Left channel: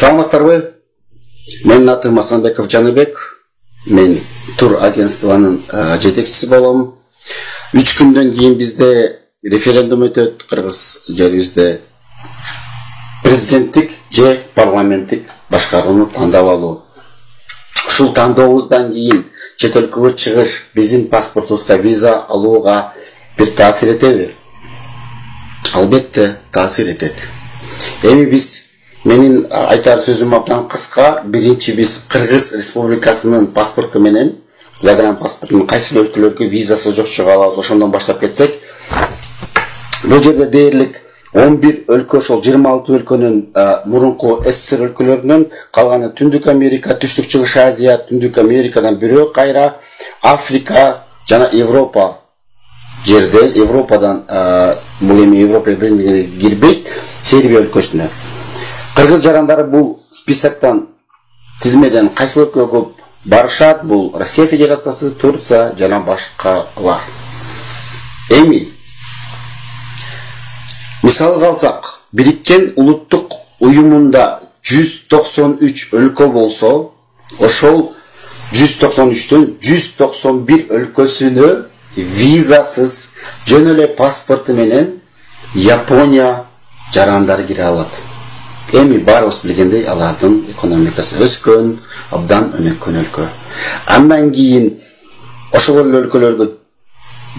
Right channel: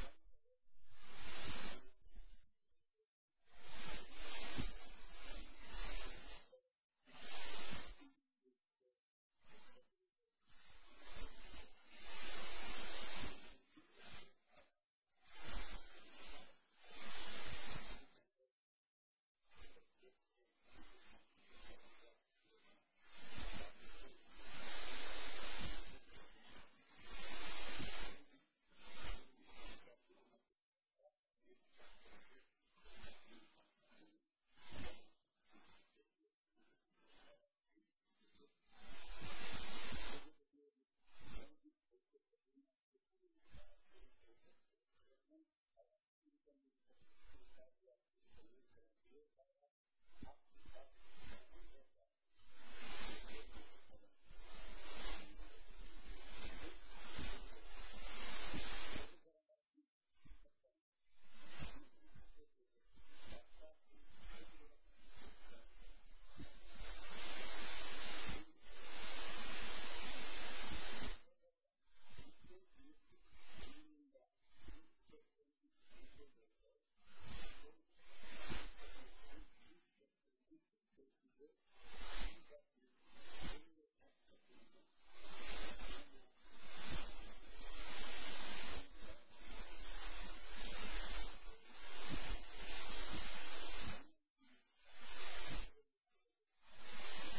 Саламатсыздарбы? Менин атым Асанбеков Жаныбек. Мен тур агентствонун жетекчиси болом. 3 күндөн кийин бизде референдум өтөт Кыргыз жерибизде. Президенттик же парламенттик башкарууну тандап алуу. Ушул тандообуздан кийин чет өлкөгө чыгыш биздин паспортубузга виза алууга бир таасир этеби? Албетте таасир этет. Эми менин айтар сөзүм абдан кыска. Биринчи биз Кыргыз Республикасынын паспорту менен загранпаспортунун кайсы өлкөлөргө визасы жок чыга алабыз. Ошондон баштап кетсек, бул жерде дээрлик 11 өлкө, ошол 26 өлкөнүн мурунку СССР өлкөлөрүнөн, калганы Түндүк Америка, Түштүк Чыгыш Азия, Түндүк Америкадан бирөө кайра Африка жана Европа жерде, Европадан бул эми Европа биримиге кирбейт, Сербия өлкөсүнө. Кыргыз жарандары бул списоктон, тизмеден кайсы өлкөгө көп барышат? Бул Россия Федерациясы, Турция жана башкалар. Эми мисалга алсак, Бириккен Улуттук Уюмунда 193 өлкө болсо, ошол 193төн 191 өлкөсүнө визасыз жөн эле паспорту менен Япония жарандары кире алат. Эми баарыбыз билгендей, алардын экономикасы өскөн, абдан өнүккөн өлкө. Андан кийин ошол өлкөлөргө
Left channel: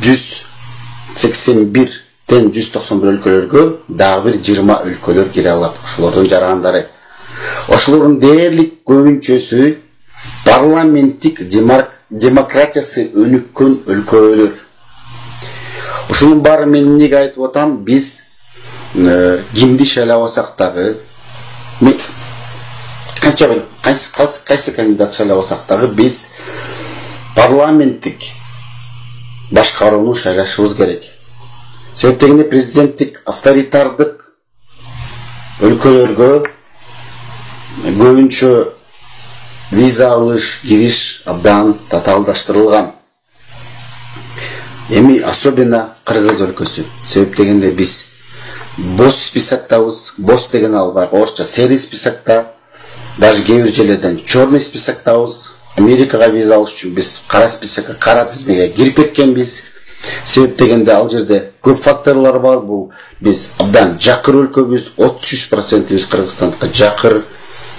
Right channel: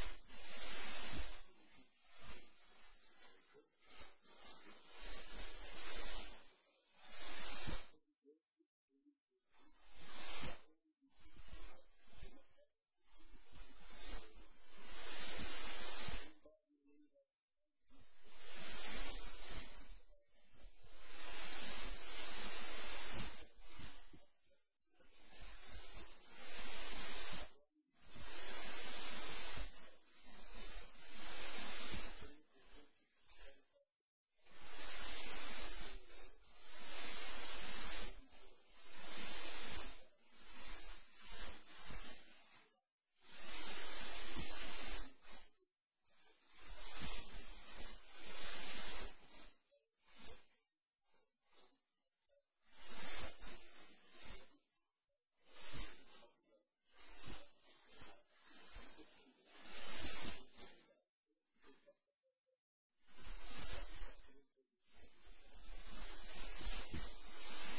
181-тен 191 өлкөлөргө дагы бир 20 өлкөлөр кире алат. Ошолордун жарандары. Ошолордун дээрлик көбүнчөсү парламенттик демократиясы өнүккөн өлкөлөр. Ушунун баары мен эмнеге айтып атам? Биз кимди шайлабасак дагы, кайсы кандидат шайлабасак дагы, биз парламенттик башкарууну шайлашыбыз керек. Себеп дегенде президенттик авторитардык өлкөлөргө көбүнчө виза алыш, кириш абдан татаалдаштырылган. Эми особенно Кыргыз өлкөсү. Себеп дегенде биз бос списоктабыз, бос деген албай, орусча серый списокто, даже кээ бир жерлерден черный списоктабыз. Америкага виза алыш үчүн биз кара списокко, кара тизмеге кирип кеткенбиз. Себеп дегенде ал жерде көп факторлор бар. Бул биз абдан жакыр өлкөбүз, 33% биз Кыргызстанга жакыр.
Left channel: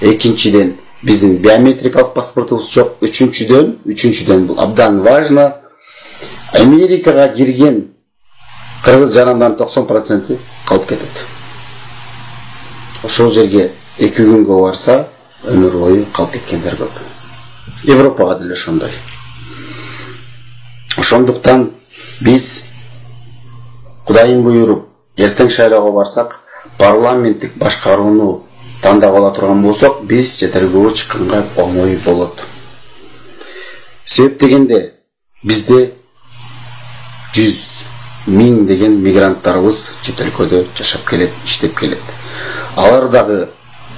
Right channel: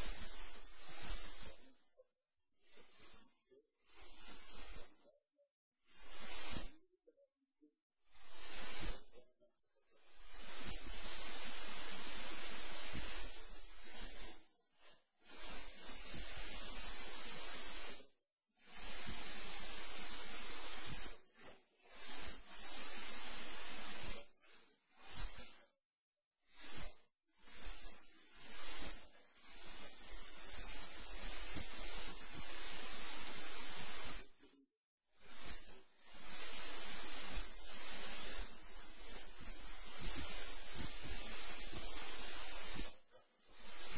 Экинчиден биздин биометрикалык паспортубуз жок. Үчүнчүдөн бул абдан важно. Америкага кирген Кыргыз жарандарынын 90% калып кетет. Ошол жерге 2 күнгө барса, өмүр бою калып кеткендер көп. Европага деле ошондой. Ошондуктан биз Кудайым буйруп эртең шайлоого барсак, парламенттик башкарууну тандап ала турган болсок, биз четелгөө чыкканга оңой болот. Себеп дегенде бизде 100 миң деген мигранттарыбыз чет өлкөдө жашап келет, иштеп келет. Алар дагы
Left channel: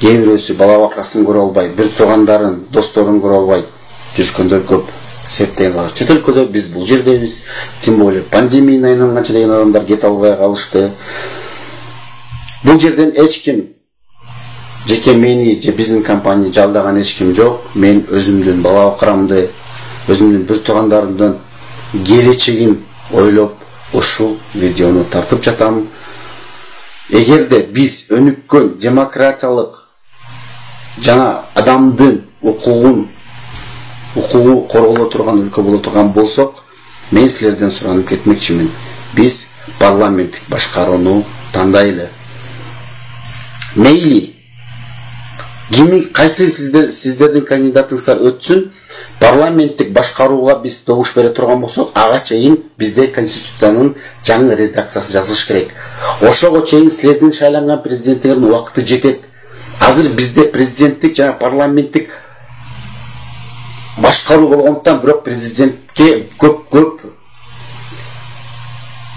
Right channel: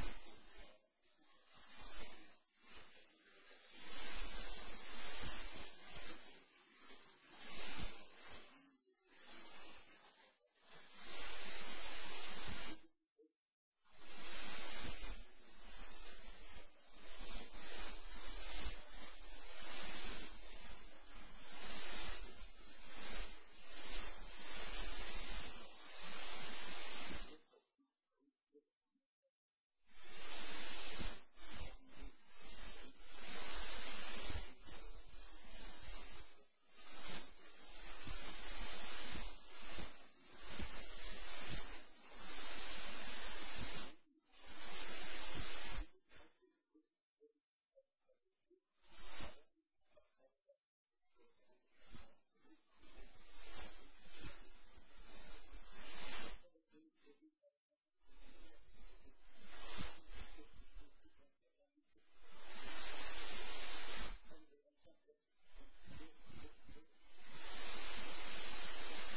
кээ бирөөсү бала бакасын көрө албай, бир туугандарын, досторун көрө албай жүргөндөр көп. Себеп дегенде чет өлкөдө, биз бул жердебиз. Тем более пандемияга айланганча деген адамдар кете албай калышты. Бул жерден эч ким, жеке мени же биздин компания жалдаган эч ким жок. Мен өзүмдүн бала бакарамды, өзүмдүн бир туугандарымдын келечегин ойлоп ушул видеону тартып жатам. Эгерде биз өнүккөн демократиялык жана адамдын укугу корголо турган өлкө боло турган болсок, мен силерден суранып кетмекчимин. Биз парламенттик башкарууну тандайлы. Мейли кайсы сиздердин кандидатыңыздар өтсүн, парламенттик башкарууга биз добуш бере турган болсок, ага чейин бизде конституциянын жаңы редакциясы жазылыш керек. Ошого чейин силердин шайланган президенттердин убакыты жетет. Азыр бизде президенттик жана парламенттик башкаруу болгондуктан, бирок президентке көп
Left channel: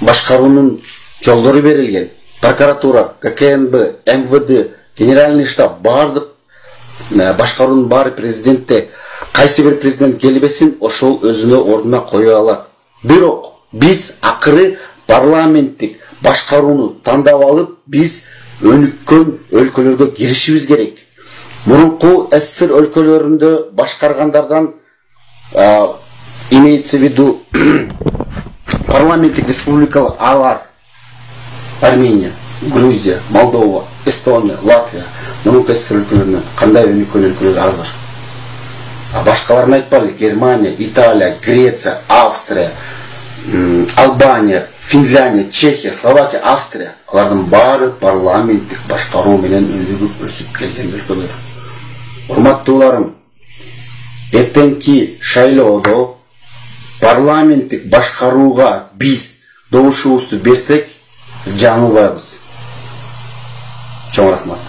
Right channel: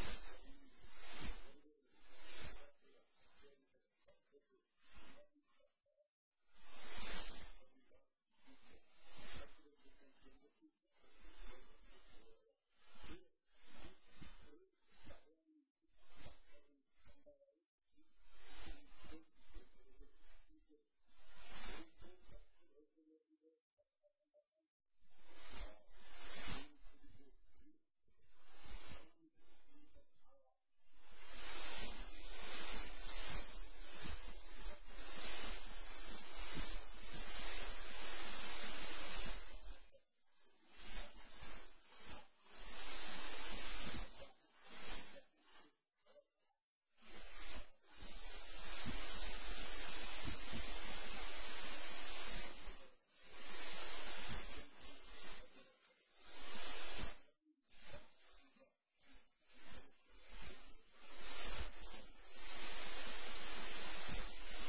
башкаруунун жолдору берилген. Прокуратура, ККНБ, МВД, Генеральный штаб, бардык башкаруунун баары президентте. Кайсы бир президент келбесин, ошол өзүнө ордуна кое алат. Бирок биз акыры парламенттик башкарууну тандап алып, биз өнүккөн өлкөлөргө киришибиз керек. Мурунку СССР өлкөлөрүндө башкаргандардан имеется в виду парламенттик республикалар алар Армения, Грузия, Молдова, Эстония, Латвия, мурунку СССР өлкөлөрүнөн кандай өнүккөн өлкөлөр азыр? Башкаларын айтпайлы, Германия, Италия, Греция, Австрия, Албания, Финляндия, Чехия, Словакия, Австрия, алардын баары парламенттик башкаруу менен өнүгүп өсүп келген өлкөлөр. Урматтууларым, эртеңки шайлоодо парламенттик башкарууга биз добушубузду берсек, жаңылбайбыз. Чоң рахмат.